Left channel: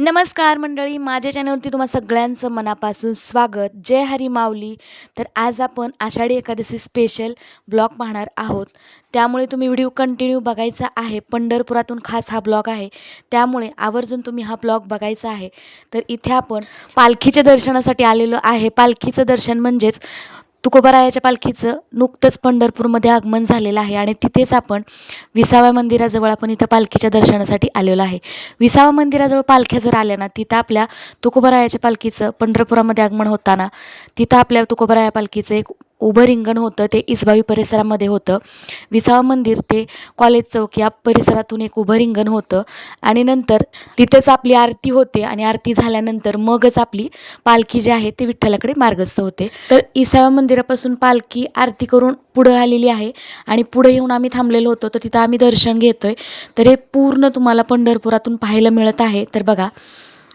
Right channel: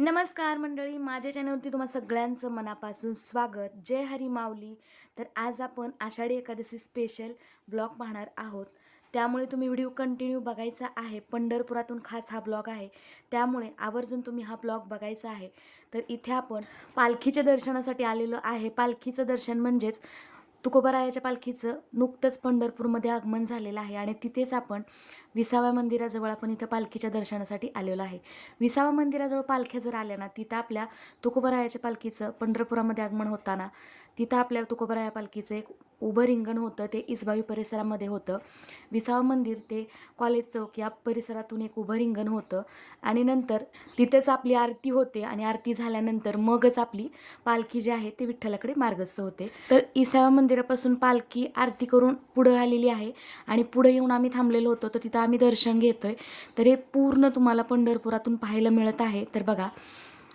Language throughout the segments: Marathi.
नमस्कार मंडळी माझ्या चॅनलवरती तुम्हा सगळ्यांचं मनापासून स्वागत. जय हरी माऊली. तर आज आपण आषाढी एकादशी स्पेशल ब्लॉग पाहणार आहोत. त्यामुळे तुम्ही व्हिडिओ कंटिन्यू बघायचा आहे. पंढरपुरातून खास हा ब्लॉग आहे. त्यामुळे आवर्जून तुम्ही हा ब्लॉग बघायचा आहे. तर इथे आपण पालखीच्या दर्शनासाठी आलेलो आहे. पालखीचं दर्शन म्हणजेच तुकोबारायाच्या पालखीचं नुकतंच पंढरपूरमध्ये आगमन झालेलं आहे आणि तिथेच आपण विसाव्या मंदिराजवळ आपण इथं पालखीच्या दर्शनासाठी आलेलो आहे. विसाव्या मंदिराजवळ पालख्या जर आल्या ना तिथं आपल्या तुकोबारायाच्या पालखीचं पंढरपुरामध्ये आगमन होताना तिथं आपल्या तुकोबाराया पालखीचं एक उभं रिंगण होतं ते इसबावी परिसरामध्ये होतं. विसावा मंदिर ते कॉलेज चौक या परिसरातून एक उभं रिंगण होतं. आणि नंतर तिथेच आपली आरती होते आणि आरती झाल्यानंतर मगच आपली पालखी जी आहे ती विठ्ठलाकडे मार्गस्थ होते. तर इसावा मंदिरापासून पालखी आरती करून पुढं आलेली आहे आणि पुढे येऊन आम्ही थांबलेलो होतो. तर तिथं आम्ही दर्शन घेतोय. तर हे पूर्ण तुम्हाला पंढरपुरातून पाहायला मिळत आहे. तर बघा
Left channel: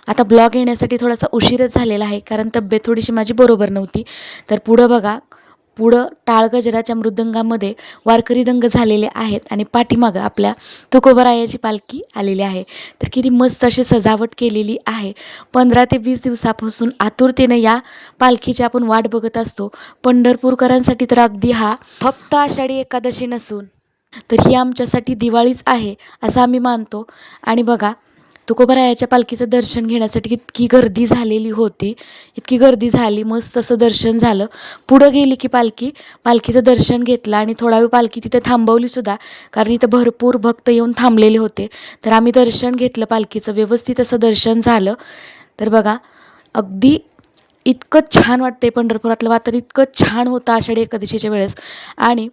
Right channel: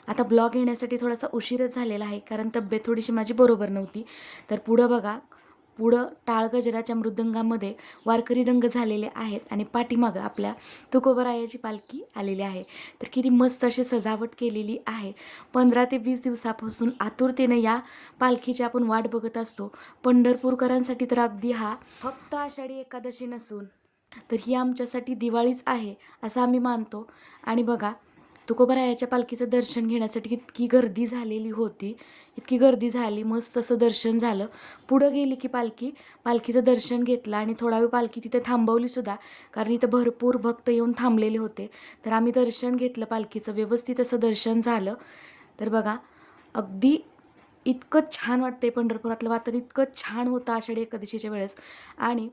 आता ब्लॉग येण्यासाठी थोडासा उशीरच झालेला आहे कारण तब्येत थोडीशी माझी बरोबर नव्हती. तर पुढं बघा पुढं टाळ गजराच्या मृदंगामध्ये वारकरी दंग झालेले आहेत आणि पाठीमागं आपल्या तुकोबरायाची पालखी आलेली आहे. तर किती मस्त अशी सजावट केलेली आहे. पंधरा ते वीस दिवसापासून आतुरतेनं या पालखीची आपण वाट बघत असतो. पंढरपूरकरांसाठी तर अगदी हा फक्त आषाढी एकादशी नसून तर ही आमच्यासाठी दिवाळीच आहे असं आम्ही मानतो. आणि बघा तुकोबारायाच्या पालखीचं दर्शन घेण्यासाठी इतकी गर्दी झालेली होती. इतकी गर्दी झाली मस्त असं दर्शन झालं. पुढं गेली की पालखी पालखीचं दर्शन घेतलं आणि थोडा वेळ पालखी तिथे थांबवलीसुद्धा कारण इथं भरपूर भक्त येऊन थांबलेले होते. तर आम्ही दर्शन घेतलं पालखीचं व्यवस्थित असं दर्शन झालं. तर बघा अगदी इतकं छान वाटते पंढरपुरातलं वातावरण इतकं छान होतं आषाढी एकादशीच्या वेळेस. आणि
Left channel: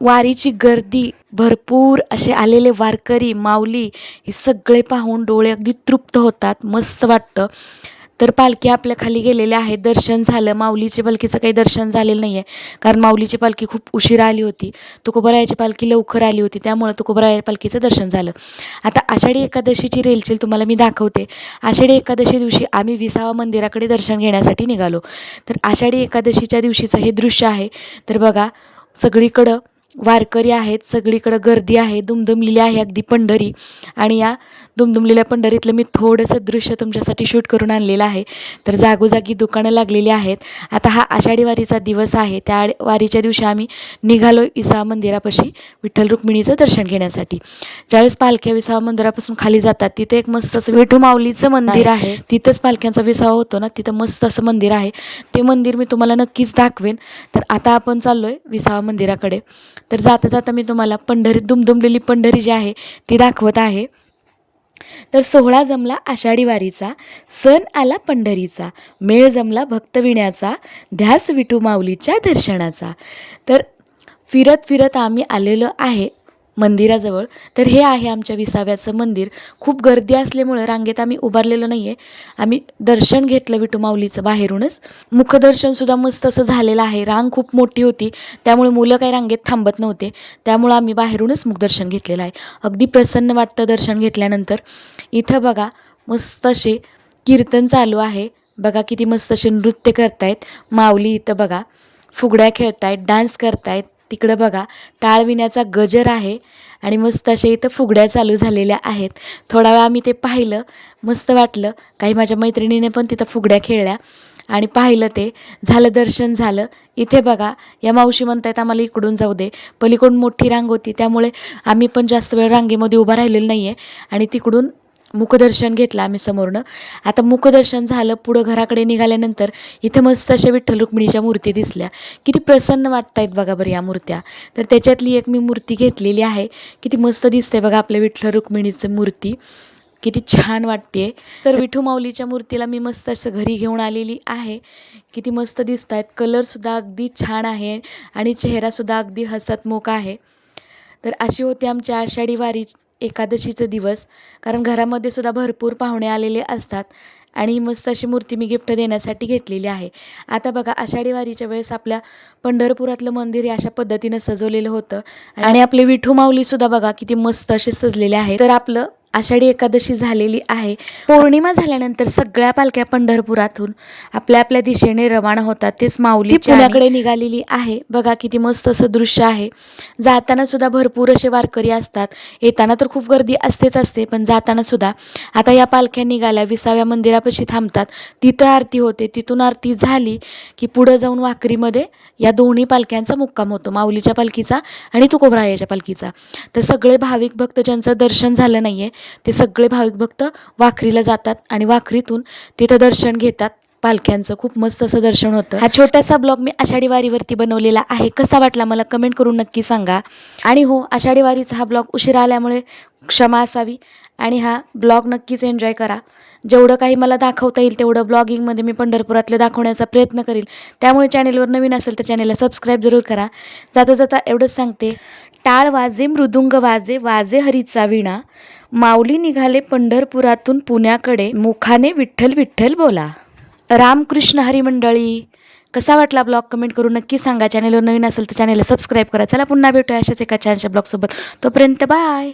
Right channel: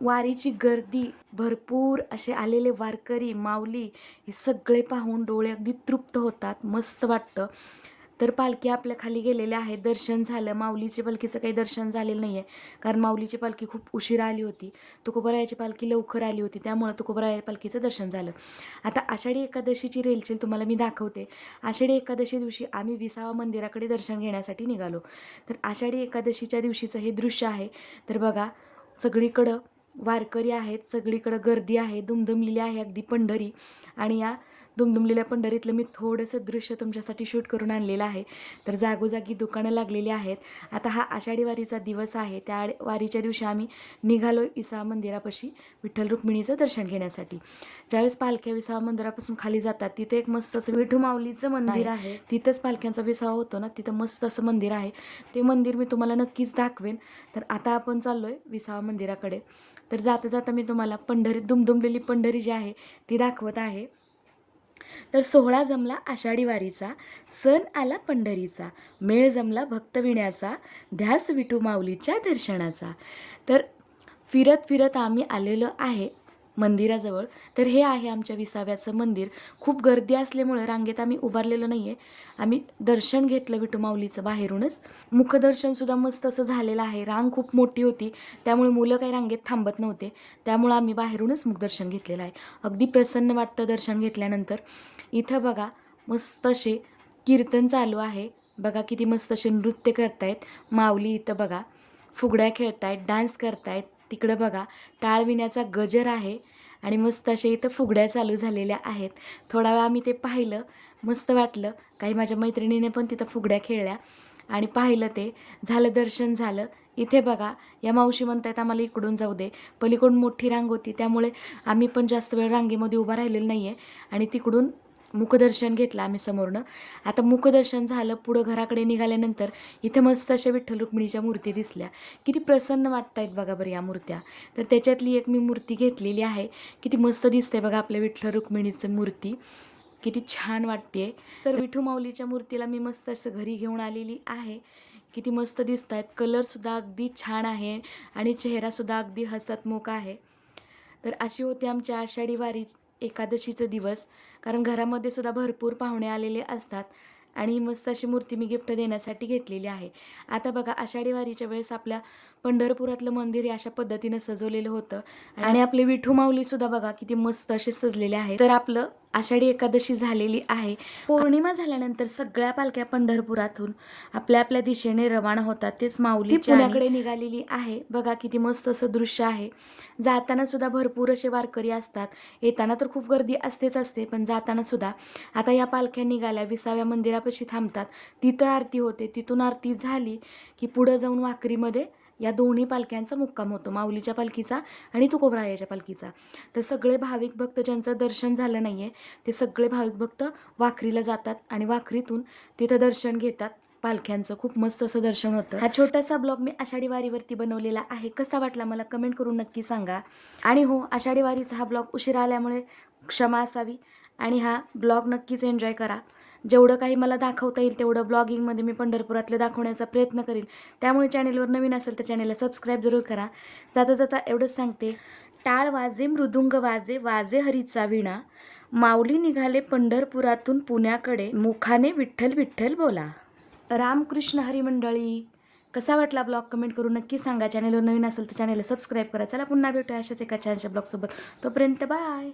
वारीची गर्दी भरपूर असे आलेले वारकरी माऊली हे सगळे पाहून डोळे अगदी तृप्त होतात मस्त वाटतं. तर पालखी आपल्या खाली गेलेल्या आहेत दर्शन झालं. माऊलीच्या पालखीचं काही दर्शन झालेलं नाही आहे कारण माऊलीची पालखी खूप उशिरा आली होती. तुकोबरायाची पालखी लवकर आली होती त्यामुळं तुकोबराया पालखीचं दर्शन झालं. आता आषाढी एकादशीची रेलचेल तुम्हाला मी दाखवते. आषाढी एकादशी दिवशी आम्ही विसावा मंदिराकडे दर्शन घेण्यासाठी निघालो. तर आषाढी एकादशीच्या दिवशीचं हे दृश्य आहे. तर बघा सगळीकडं वारकरी आहेत सगळीकडं गर्दी आहे दुमदुमलेली आहे अगदी पंढरी. आणि या दुमदुमलेल्या पंढरीतलं मी थोडंसं दृश्य तुमच्यासाठी शूट करून आणलेलं आहे. तर जागोजागी दुकानं लागलेली आहेत. आता हा आषाढी वारीचा दिवस आहे. त्या वारीच्या दिवशी आम्ही निघालो विसावा मंदिरापाशी विठ्ठल रुक्मिणीचं दर्शन घेण्यासाठी. ज्यावेळेस पालख्या विसावा मंदिरापासून खाली जातात तिथे एक मस्त असं विठू माऊलीचं मंदिर आहे. तिथंच पालख्यांचा विसावा होतो ना तिथं मस्त असं मंदिर आहे. ते मंदिर मी तुम्हाला नक्कीच दाखवेन. तर आता आपण चाललोय विसावा मंदिराकडे. तर जाता जाता मी तुम्हाला पंढरीत दुमदुमलेली पंढरी जी आहे ती दाखवत आहे. तर सोहळा जमला आषाढी वारीचा सण आला पंढरीचा मेळ जमला भक्तविण्याचा ध्यास विठू माऊलीच्या दर्शनाचा. तर फिरत फिरत आम्ही आलेलो आहे मंदिराजवळ. तर हे आहे आमच्या विसाव्याचं मंदिर. खूप गर्दी असल्यामुळं रांगेत आम्ही उभारलेलो नाही आहे आम्ही दर्शन घेतलं विटू माऊलीचं बाहेरूनच. मुखदर्शनसुद्धा मस्त असं झालेलं आहे. रांग खूप मोठी होती. त्यामुळे मुलं काही रांगेत थांबत नव्हते. त्यामुळं आम्ही बाहेरूनच मुखदर्शन घेतलेलं आहे. अगदी प्रसन्न वाटतं दर्शन घेतल्यानंतर. इथं बघा मस्त असे कीर्तन चालू आहे. बघा किती मस्त असे नृत्य करतायत. माऊली इथं बघा. फुगड्या खेळतायत डान्स करतायत. तिकडं बघा टाळविण्याचा गजर आहे आणि मस्त असे इथं फुगड्या चालू झालेल्या आहेत. थोडा वेळ आम्ही ते पाहिलं मस्त वाटलं. काही माझ्या मैत्रिणीने पण तिथं फुगड्या खेळल्या आणि पाहिलं ते. झालं दर्शन झालं. इथे बघा या मावशी म्हणतायत आम्हाला इकडून जाऊ दे. पलीकडून मोठी रांग होती त्यामुळे आम्ही पण जास्त वेळ रांगेमध्ये उभा राहिलेलो नाही आहे आणि तिकडून मुखदर्शन घेतलं आम्ही समोरनं. आता मुखदर्शन झालं पुढं घराकडे निघाल्यानंतर इथे मस्त अशा विठ्ठल रुक्मिणीच्या मूर्ती दिसल्या. किती प्रसन्न वाटतायत बघा बरं या मूर्त्या. तर त्याच्यातली एक मी मूर्ती घेतलेली आहे. किती मस्त दिसते बघा आपल्या विठ्ठल रुक्मिणीचं मूर्ती. किती छान वाटते तर विठू माऊलीच्या मूर्तीला मी मस्त असं घरी घेऊन आलेली आहे. किती मस्त दिसत आहेत कलरसुद्धा अगदी छान आहे आणि चेहरासुद्धा अगदी हसतमुख आहे. तर अशी होती आमच्या आषाढी वारी. एकादशीचं दिवस. कारण घरामध्ये सुद्धा भरपूर पाहुणे आलेले असतात. आणि ही मस्त अशी मूर्ती मी गिफ्ट देण्यासाठी घेतलेली आहे. आता बघा आषाढी वारीच्या वेळेस आपल्या पंढरपुरातलं मंदिर हे अशा पद्धतीनं सजवलेलं होतं. आणि आपले विठू माऊलीसुद्धा बघा किती मस्त असे सजलेले आहेत. तर आपलं आषाढी एकादशी झालेली आहे. पौर्णिमा झाल्यानंतर सगळ्या पालख्या पंढरपुरातून आपल्या आपल्या दिशेने रवाना होतात. तेच माऊली पुण्याकडे निघालेली आहे. बघा किती मस्त असं दृश्य आहे. जाताना सुद्धा भरपूर असे वारकरी असतात. येताना तर खूप गर्दी असतेच असते पण जाताना सुद्धा. आता या पालख्या निघाल्या विसाव्या मंदिरापाशी थांबतात. तिथं आरती होते. तिथून आरती झाली की पुढं जाऊन वाकरीमध्ये या दोन्ही पालख्यांचा मुक्काम होतो. माऊलीच्या पालखीचा आणि तुकोबरायाच्या पालखीचा. तर सगळे भाविक भक्त ज्यांचं दर्शन झालं नाही आहे ते सगळे भाविक भक्त वाखरीला जातात आणि वाखरीतून तिथं दर्शन घेतात. पालख्यांचं खूप मस्त असं दर्शन होतं. हा छोटासा ब्लॉग मी आषाढी वारीवरती बनवलेला आहे. कसा वाटला मला कमेंट करून नक्की सांगा. आणि हो आषाढी वारीचा हा ब्लॉग उशिरा आल्यामुळे क्षमा असावी आणि हा ब्लॉग नक्कीच एन्जॉय करा. जेवढं काही मला दाखवता येईल तेवढं ब्लॉगिंगमध्ये मी पंढरपुरातलं दाखवण्याचा प्रयत्न करेल. त्यामुळे चॅनेलवर नवीन असेल तर चॅनेलला सबस्क्राईब जरूर करा. जाता जाता एवढंच सांगते. टाळ वाजे मृदुंग वाजे वाजे हरीचा विणा. माऊली निघाले पंढरपुरातून पुण्याकडे. मुखाने विठ्ठल विठ्ठल बोला. रामकृष्ण हरी मंडळी कसा वाटला ब्लॉग? कमेंट करून नक्की सांगा. चॅनेलवर नवीन असेल तर चॅनेलला सबस्क्राईब करा. चला पुन्हा भेटूया अशाच एका छानशा ब्लॉगसोबत. तोपर्यंत बाय